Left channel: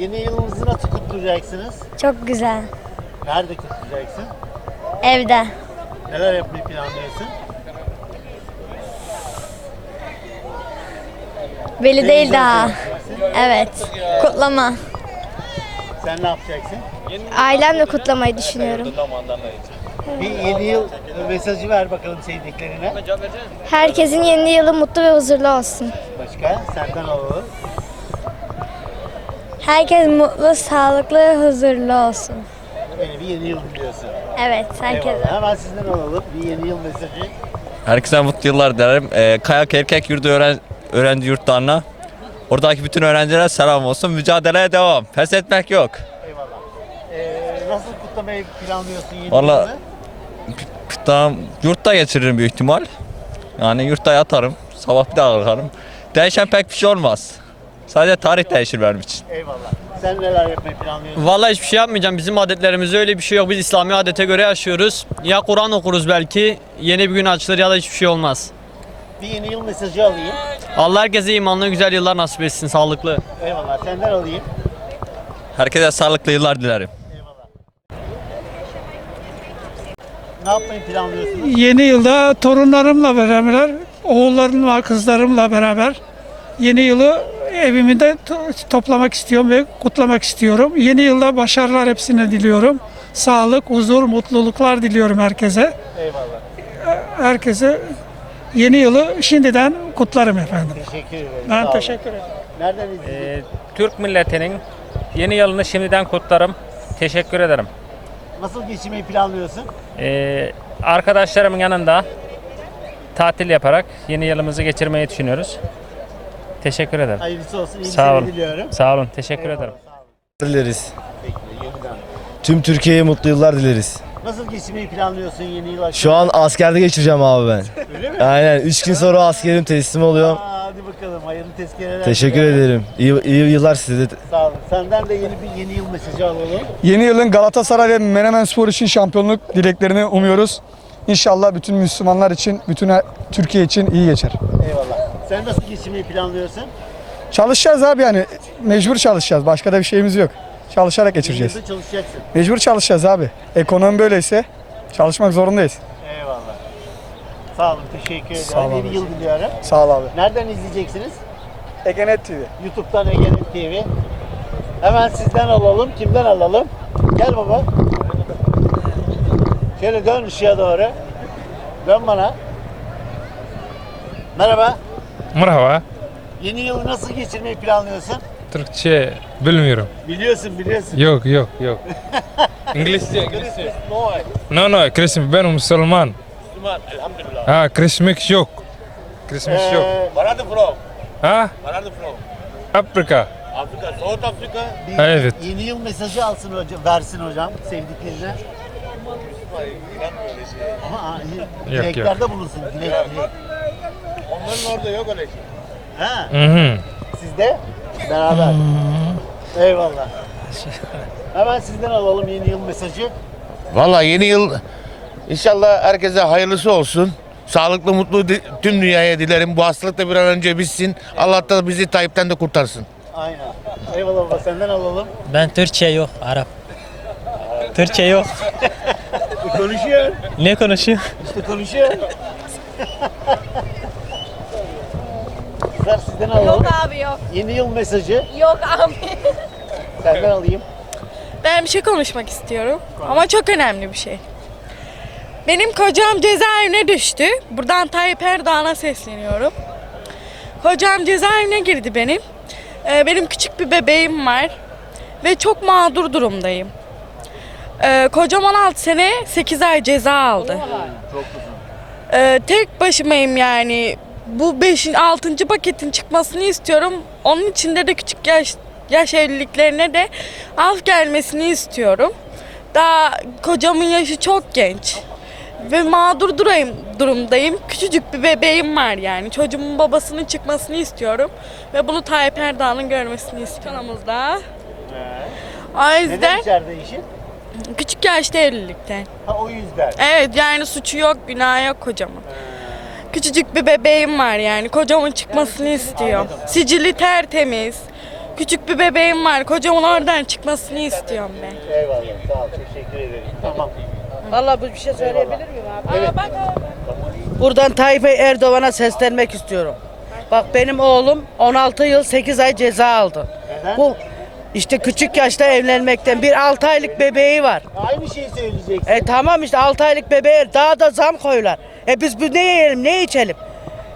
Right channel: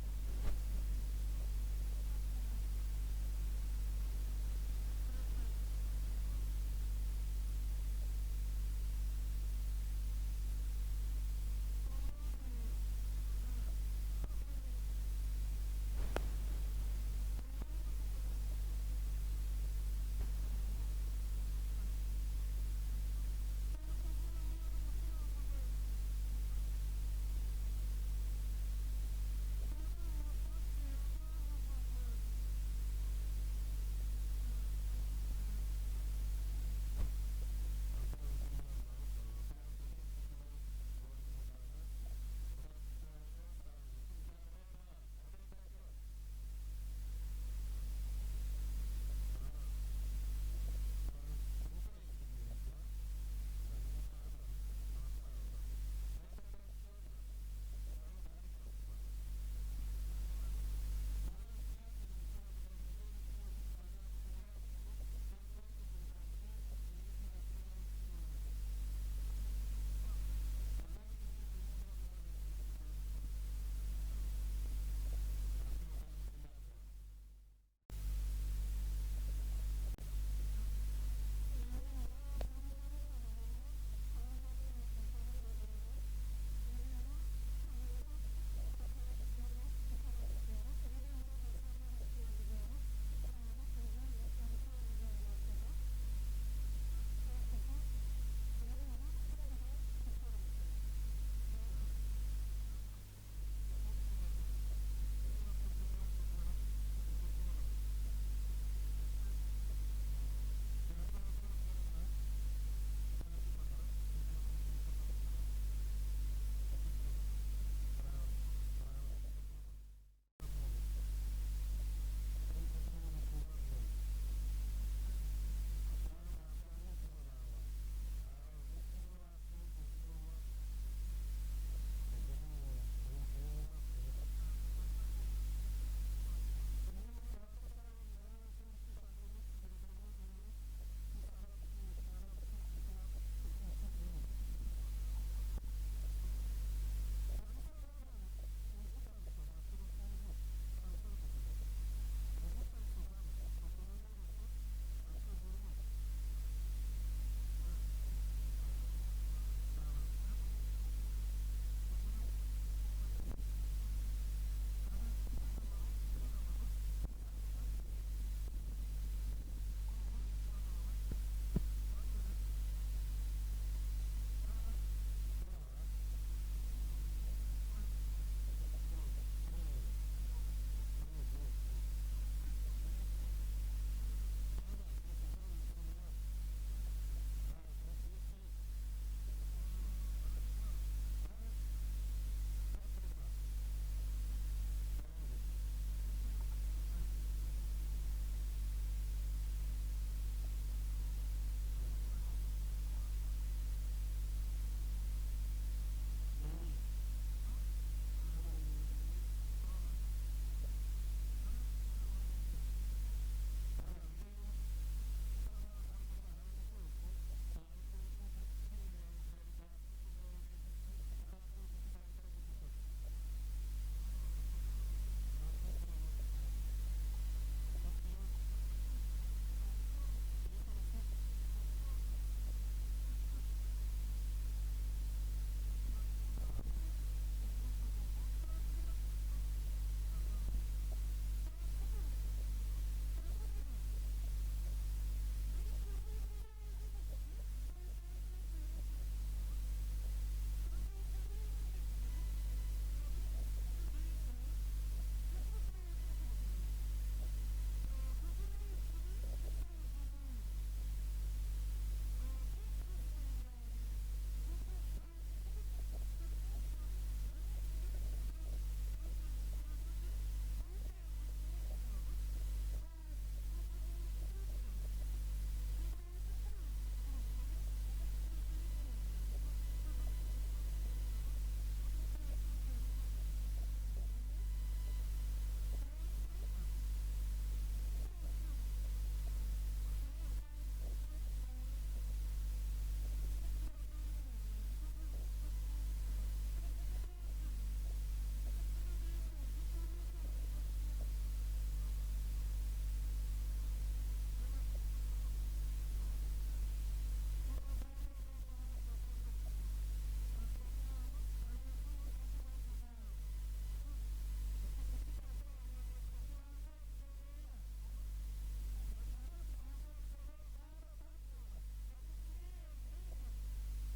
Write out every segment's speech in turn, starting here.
Yeni yılınızı nasıl kutlayacaksınız? Çok güzel. Nerede kutlayacaksın? Evde. Neler yapmayı planlıyorsun? Belli değil daha. Evet. Kutlama. Sen ne yapacaksın? Ailemle kutlamayı düşünüyorum. Bir yeni yıl mesajı ver bakalım sevdiklerine. Herkesin yeni yılı mutlu ve huzurlu olsun. Başka? Senden alalım. Herkes mutlu, sağlıklı, huzurlu olsun. Beni bir yeni yıl diliyorsun. Evet, herkes. Eyvallah. Hemen sizden alalım bir yeni yıl mesajı. Herkese mutlu yıllar dilerim. Ee, Kayak Erkek Yurdu öğren öğrenci yurtlarına, oradaki bütün öğrencilere selam olsun. Mücadeleye devam. Pes etmek yok. Eyvallah. Ee, nasıl kutlamayı planlıyorsun yeni Vallahi- yılı? Tamam, yurtta geçiririm büyük ihtimal. Yani yurtta yatarım. Sabah bir daha kalkarım. Değişen pek bir şey olmaz. Sadece tarih değişir benim için. Eyvallah. Sen neler yapmayı planlıyorsun? Vallahi hiçbir şey yapmayacağım. Bizim adetlerimizde öyle bir şey yok. Biz İslami adete göre yaşıyoruz. Ya Kur'an okuruz belki. Yeni bir gün açılır ya da hiçbir şey olmaz. Bir yeni yıl mesajı alayım. Allah herkese imanlı güzel yıllar nasip etsin. Sağlıklı. Eyvallah. Senden alayım. Herkese sağlıklı yıllar dilerim. Eyvallah. Ne yapmayı planlıyorsunuz? Yeni yılda torunlarımla beraber, oğullarımla, kızlarımla beraber yeni yılı evimde to- toplamak istiyorum ve kutlamak istiyorum. Yeni yılda başarılar hepsine diliyorum. Sağlık, huzur, mutluluklar diliyorum herkese. Eyvallah. Herkese yeni yılı şimdiden kutlarım efendim. Teşekkür ederim. Ben Sağ teşekkür ederim. Nereden? Ee, Türk milletinin yeni yılını şimdiden kutlarım. Teşekkür ederim. Nasıl geçirmeyi planlıyorsun? Ee, arkadaşlarımın yanında tatil yaparak yeni yılımızı geçirmeyi düşünüyoruz. Teşekkür ederim. Hayırlısı olsun. İyi Sağ olun. diliyorum. Sağ olun. Teşekkür Eyvallah, ederim. sağ olun. dileriz. Bekle, yeniden. Tüm Türkiye'ye mutlu yıllar dileriz. Nasıl geçirmeyi planlıyorsun yeni yıl? Şu an askerde geçireceğim abi ben. Öyle mi? Aynen 3 gün sonra askerim teslim oluyorum. Aa, hadi bakalım. Hayırlı tezkereler. Teşekkür diliyorum. ederim. İyi, iyi yıllar size de. Sağ olun. Senden de yeni bir yeni yıl mesajı alalım. Yeni yılın Galatasaray ve Menemen Spor için şampiyonluk dileklerini umuyoruz. İnşallah bütün Müslümanlar için, bütün Türkiye için iyi geçer. Eyvallah. Sen nasıl geçirmeyi planlıyorsun? Çalışacağız abi yani. Mecbur çalışacağız. Başka da bir şeyimiz yok. Çalışarak geçireceğiz. yılda çalışacaksın. Mecbur çalışacağız abi. Ekonomi böyleyse çalışmak zorundayız. Eyvallah. Sağ olun. Teşekkür ederim. Sağ olun yeni yıl diliyorum. Sağ ol abi. Nereden izleyeceksiniz? Egenet TV. YouTube'dan Egenet TV. Hemen sizden alalım. Kimden alalım? Gel baba. Şöyle dön ışığa doğru. Dön bana. Merhaba. Merhaba. Yeni yılı nasıl geçirmeyi planlıyorsun? Türkçe bilmiyorum. Biliyorsun, biliyorsun. Yok yok yok. İngilizce İngilizce. No no Christmas ben Müslüman. Ha Christmas yok. Christmas yok. Ee, Where are you from? Ha Where are you from? Afrika. Africa, South Africa. bir Evet. Yeni yıl mesajı alsın hocam, versin hocam sevdiklerine. Ama yok. dileklerde bulunsun. Dilek, dilek. Onların orada yok öyle şey. Ha, Hı hı. sizde? Beraber. Eyvallah. Hemen sizden alalım yeni yıl mesajı. Valla yeni yıl inşallah herkese hayırlısı olsun. Sağlıklı, mutlu di- tüm dünyaya dilerim. Bu hastalık da bir an önce bitsin. Allah da bizi Tayyip'ten de kurtarsın. Aynen. Eyvallah baba senden alalım. Ben Türkçe yok. Arap. Türkçe yok. E, konuşuyor. Ne konuşuyor? İşte konuşuyor. Kızlar sizden alalım. abi yok. Yeni yıl mesajı Yok abi. senden alayım. Ben bir şey konuşmak istiyorum. Ama çok önemli bir şey. Benim kocam cezaevine düştü. Buradan Tayyip Erdoğan'a sesleniyorum. Kocam cezaevine girdi benim. Ee, benim küçük bir bebeğim var. Ve çok mağdur durumdayım. Ee, kocam 16 sene 8 ay ceza aldı. Ee, tek başımayım yani. Bu 5. 6. paketin çıkmasını istiyorum. Onun içinde de küçük yaş yaş evliliklerine de af gelmesini istiyorum. Daha kocamın yaşı çok genç. Ve mağdur durayım, durumdayım. Küçücük bir bebeğim var yani. Çocuğumun babasının çıkmasını istiyorum. Ve bunu Tayyip Erdoğan'ın görmesini istiyorum. Kanalımızda. O Neden yüzden içeride işin? küçük yaşta evlilikten. Ha o yüzden. Evet yani suçu yok, günah yok kocamın. Küçücük bir bebeğim var yani. Kocamın çıkmasını istiyor. Sicili tertemiz. Küçük bir bebeğim var. Kocamın oradan çıkmasını istiyorum ben. Eyvallah. Sağ ol. Teşekkür ederim. Tamam. Vallahi bir şey söyleyebilir miyim abi? Aa, bak abi. Buradan Tayyip Erdoğan'a seslenmek istiyorum. Bak benim oğlum 16 yıl 8 ay ceza aldı. Neden? Bu işte küçük yaşta evlenmekten bir 6 aylık bebeği var. Aynı şeyi söyleyeceksin. E tamam işte 6 aylık bebeğe daha da zam koyular. E biz bu ne yiyelim ne içelim?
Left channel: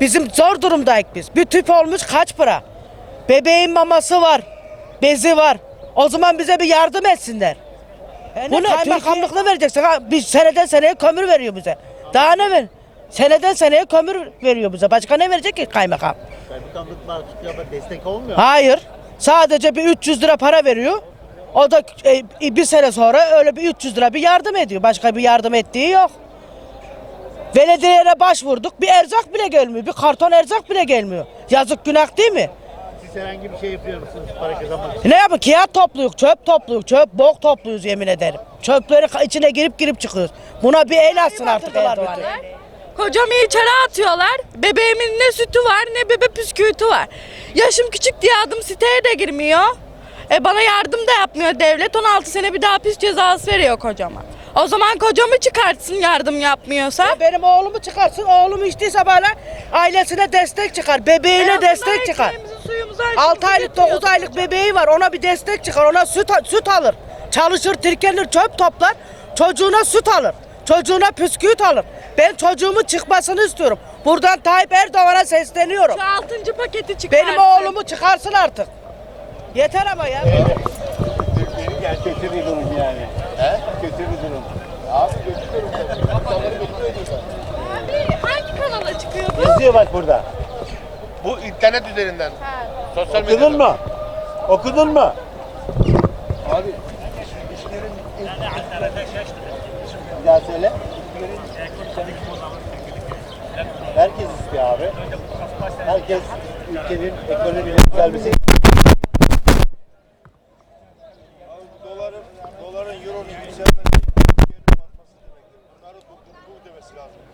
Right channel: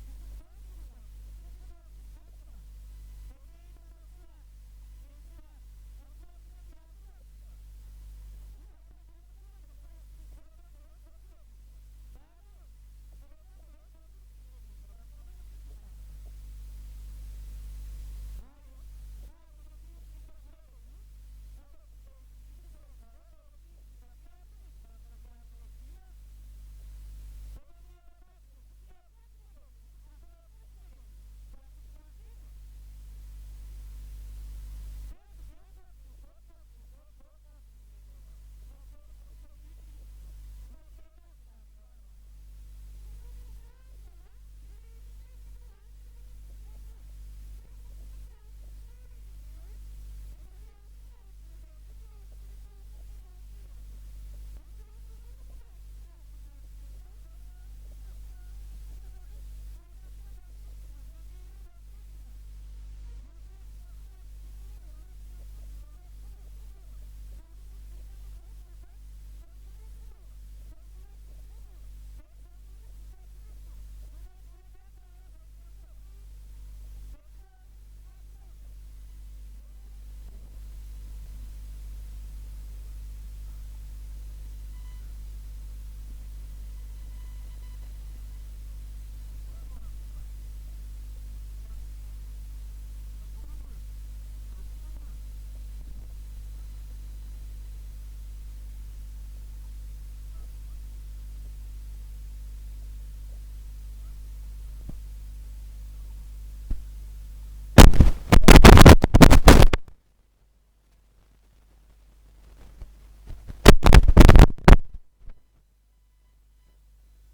Bizim zor durumdayız biz. Bir tüp olmuş kaç para? Bebeğin maması var. Bezi var. O zaman bize bir yardım etsinler. Bunu kaymakamlıkla vereceksin. Ha, Bir seneden seneye kömür veriyor bize. Daha ne ver? Seneden seneye kömür veriyor bize. Başka ne verecek ki kaymakam? Kaymakamlıklar tutuyor ama destek olmuyor. Hayır. Sadece bir 300 lira para veriyor. O da e, bir sene sonra öyle bir 300 lira bir yardım ediyor. Başka bir yardım ettiği yok. Belediyelere başvurduk. Bir erzak bile gelmiyor. Bir karton erzak bile gelmiyor. Yazık günah değil mi? Siz herhangi bir şey yapıyor musunuz para kazanmak için? Ne yapın? Kağıt topluyoruz, çöp topluyoruz, çöp bok topluyoruz yemin ederim. Çöpleri içine girip girip çıkıyoruz. Buna bir el atsın artık Erdoğan. Kocamı içeri atıyorlar. Bebeğimin ne sütü var ne bebe püskürtü var. Yaşım küçük diye adım siteye de girmiyor. E bana yardım da yapmıyor devlet. 16 sene bir daha hapis cezası veriyor kocama. O zaman kocamı çıkartsın yardım yapmıyorsa. Benim oğlumu çıkarsın, oğlum içtiyse bana ailesine destek çıkar, bebeğine En destek çıkar. suyumuzu, 6 aşımızı aylık 9 getiriyor. aylık bebeği var ona bir destek çıkar ona süt, süt alır. Çalışır tirkenir çöp toplar çocuğuna süt alır. Çocuğuna püsküvit alır. Ben çocuğumun çıkmasını istiyorum. Buradan Tayyip Erdoğan'a sesleniyorum. Şu altıncı paketi çıkarsın. Benim oğlumu çıkarsın artık. Yeter ama ya. Kötü bir durum yani. He? Kötü bir durum. Abi kötü durum. İnsanları bekliyor diyorlar. Abi hangi kanala çıkıyor bu? Yazıyor bak burada. Bu internet üzerinden. Sosyal Okudun mu? Okudun mu? Bir daha söyle. Herkes istiyor abi. Herkes ülkenin ekonominin yükselmesi. Doların, doların, euronun yükselmesi. Bunları dur demesi lazım.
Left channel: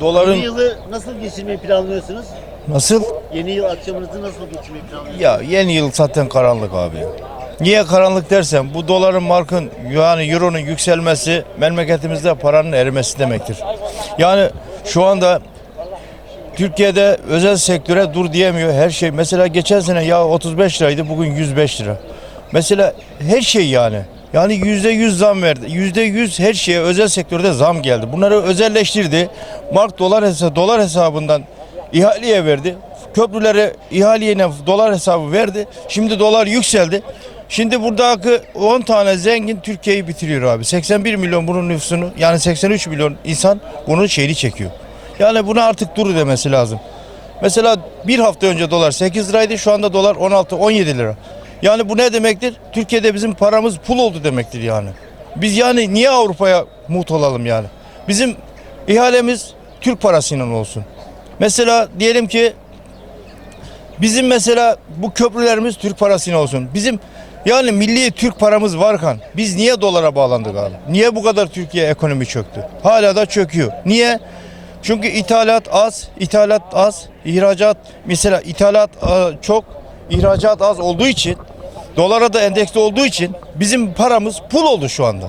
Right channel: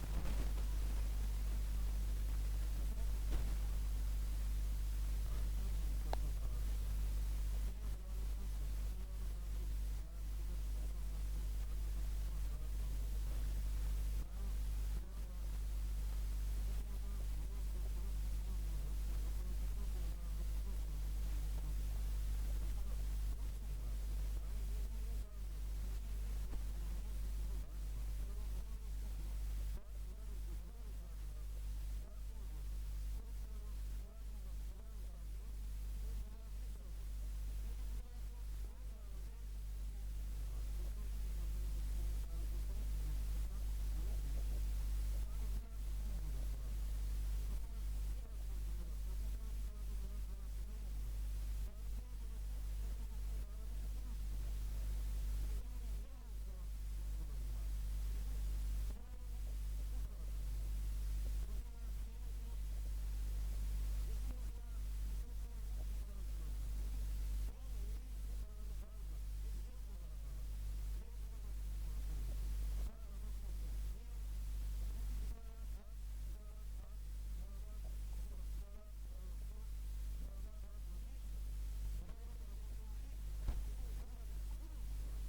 Yeni Doların yılı nasıl geçirmeyi planlıyorsunuz? nasıl? Yeni yıl akşamınızı nasıl geçirmeyi planlıyorsunuz? Ya yeni yıl zaten karanlık abi. Niye karanlık dersen bu doların markın yani euronun yükselmesi memleketimizde paranın erimesi demektir. Yani şu anda Türkiye'de özel sektöre dur diyemiyor her şey. Mesela geçen sene ya 35 liraydı bugün 105 lira. Mesela her şey yani. Yani yüzde yüz zam verdi. Yüzde yüz her şeye özel sektörde zam geldi. Bunları özelleştirdi. Mark dolar hesabı, dolar hesabından ihaleye verdi. Köprülere ihaleyle dolar hesabı verdi. Şimdi dolar yükseldi. Şimdi buradaki 10 tane zengin Türkiye'yi bitiriyor abi. 81 milyon bunun nüfusunu yani 83 milyon insan bunun şeyini çekiyor. Yani buna artık dur demesi lazım. Mesela bir hafta önce dolar 8 liraydı şu anda dolar 16-17 lira. Yani bu ne demektir? Türkiye'de bizim paramız pul oldu demektir yani. Biz yani niye Avrupa'ya muht olalım yani? Bizim ihalemiz Türk parasıyla olsun. Mesela diyelim ki bizim mesela bu köprülerimiz Türk parasıyla olsun. Bizim yani milli Türk paramız varken biz niye dolara bağlandık abi? Niye bu kadar Türkiye ekonomi çöktü? Hala da çöküyor. Niye? Çünkü ithalat az, ithalat az, ihracat mesela ithalat e, çok, ihracat az olduğu için dolara da endeksli olduğu için bizim paramız pul oldu şu anda.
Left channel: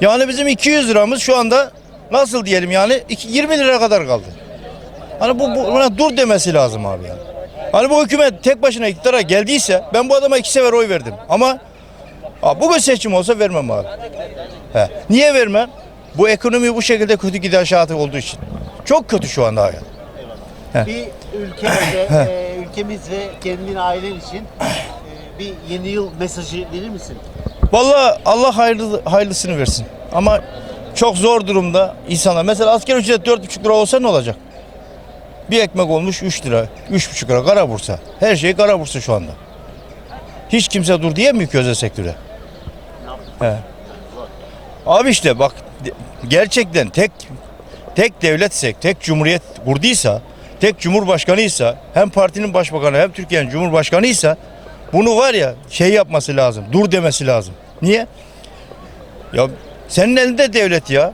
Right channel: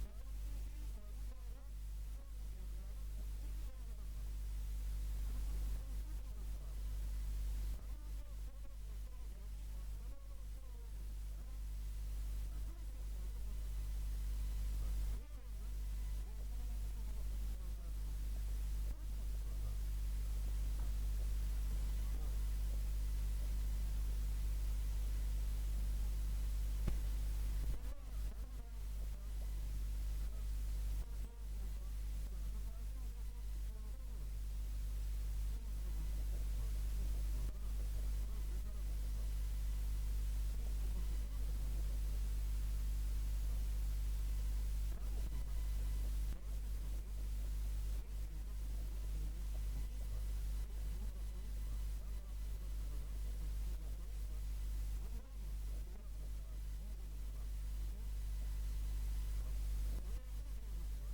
Yani bizim 200 liramız şu anda nasıl diyelim yani iki- 20 lira kadar kaldı. Hani bu, bu buna dur demesi lazım abi yani. Hani bu hükümet tek başına iktidara geldiyse ben bu adama iki sefer oy verdim. Ama abi bugün seçim olsa vermem abi. He. Niye vermem? Bu ekonomi bu şekilde kötü gidişatı olduğu için. Çok kötü şu anda hayat. Bir ülkemize, e, ülkemiz ve kendin ailen için e, bir yeni yıl mesajı verir misin? Vallahi Allah hayırlı, hayırlısını versin. Ama çok zor durumda insanlar. Mesela asker ücret 4,5 lira olsa ne olacak? Bir ekmek olmuş 3 lira, 3,5 lira kara bursa. Her şey kara bursa şu anda. Hiç kimse dur diyemiyor ki özel sektöre. He. Abi işte bak gerçekten tek tek devletsek, tek cumhuriyet kurduysa, tek cumhurbaşkanıysa, hem partinin başbakanı hem Türkiye'nin cumhurbaşkanıysa bunu var ya şey yapması lazım. Dur demesi lazım. Niye? Ya senin elinde devlet ya.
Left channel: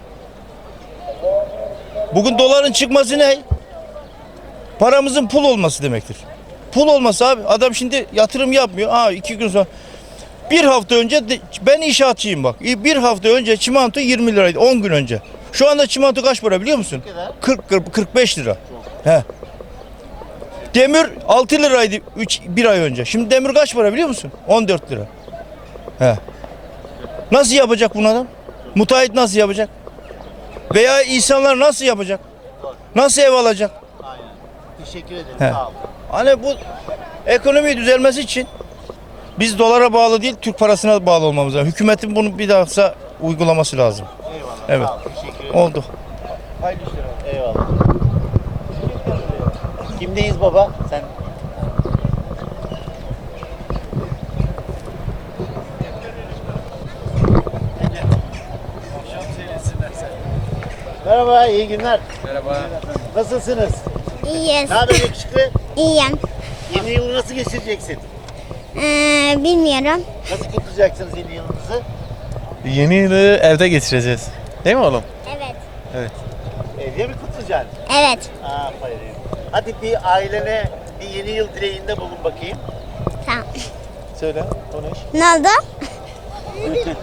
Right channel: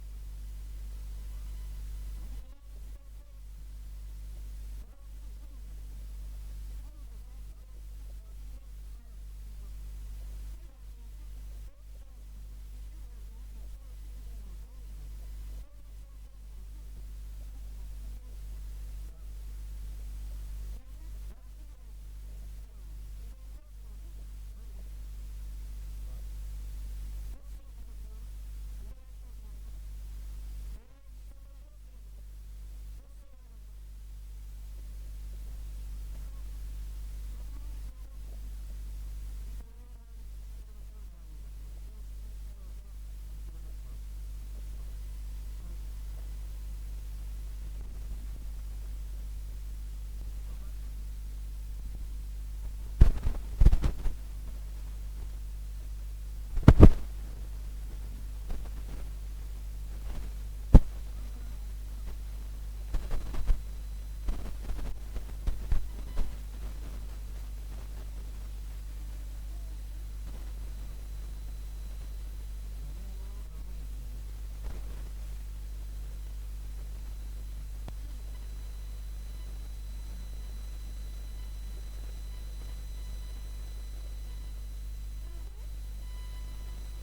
Bugün doların çıkması ne? Paramızın pul olması demektir. Pul olması abi adam şimdi yatırım yapmıyor. Aa iki gün sonra bir hafta önce de- ben inşaatçıyım bak. Bir hafta önce çimento 20 liraydı 10 gün önce. Şu anda çimento kaç para biliyor musun? 40 40 45 lira. He. Demir 6 liraydı 3 bir ay önce. Şimdi demir kaç para biliyor musun? 14 lira. He. Nasıl yapacak bunu adam? Müteahhit nasıl yapacak? Veya insanlar nasıl yapacak? Nasıl ev alacak? Teşekkür ederim. He. Sağ olun. Hani bu ekonomi düzelmesi için biz dolara bağlı değil Türk parasına bağlı olmamız lazım. Hükümetin bunu bir daha uygulaması lazım. Eyvallah. Evet. Sağ olun. Teşekkür ederim. Oldu. Eyvallah. Kimdeyiz baba? Sen Merhaba, iyi günler. Merhaba. Nasılsınız? İyiyiz. Ne haber yakışıklı? İyiyim. Yeni yılı nasıl geçireceksin? Ee, bilmiyorum. Nasıl kutlayacaksınız yeni yılınızı? Yeni yılı evde geçireceğiz. Değil mi oğlum? Evet. Evde mi kutlayacaksın? Evet. Aferin. Hadi bir ailene bir yeni yıl dileğinde bulun bakayım. Tamam. Söyle, konuş. Ne oldu?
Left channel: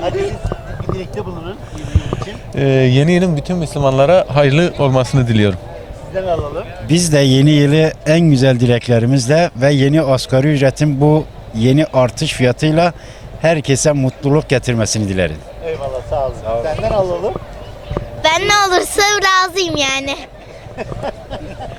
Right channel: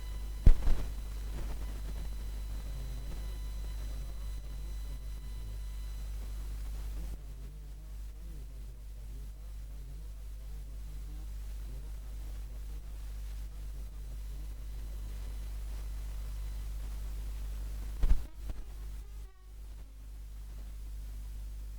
Hadi siz bir dilekte bulunun yeni yıl için. Ee, yeni yılın bütün Müslümanlara hayırlı olmasını diliyorum. Sizden alalım. Biz de yeni yılı en güzel dileklerimizle ve yeni asgari ücretin bu yeni artış fiyatıyla herkese mutluluk getirmesini dilerim. Eyvallah, sağ olun. Senden alalım. Ben ne olursa razıyım yani.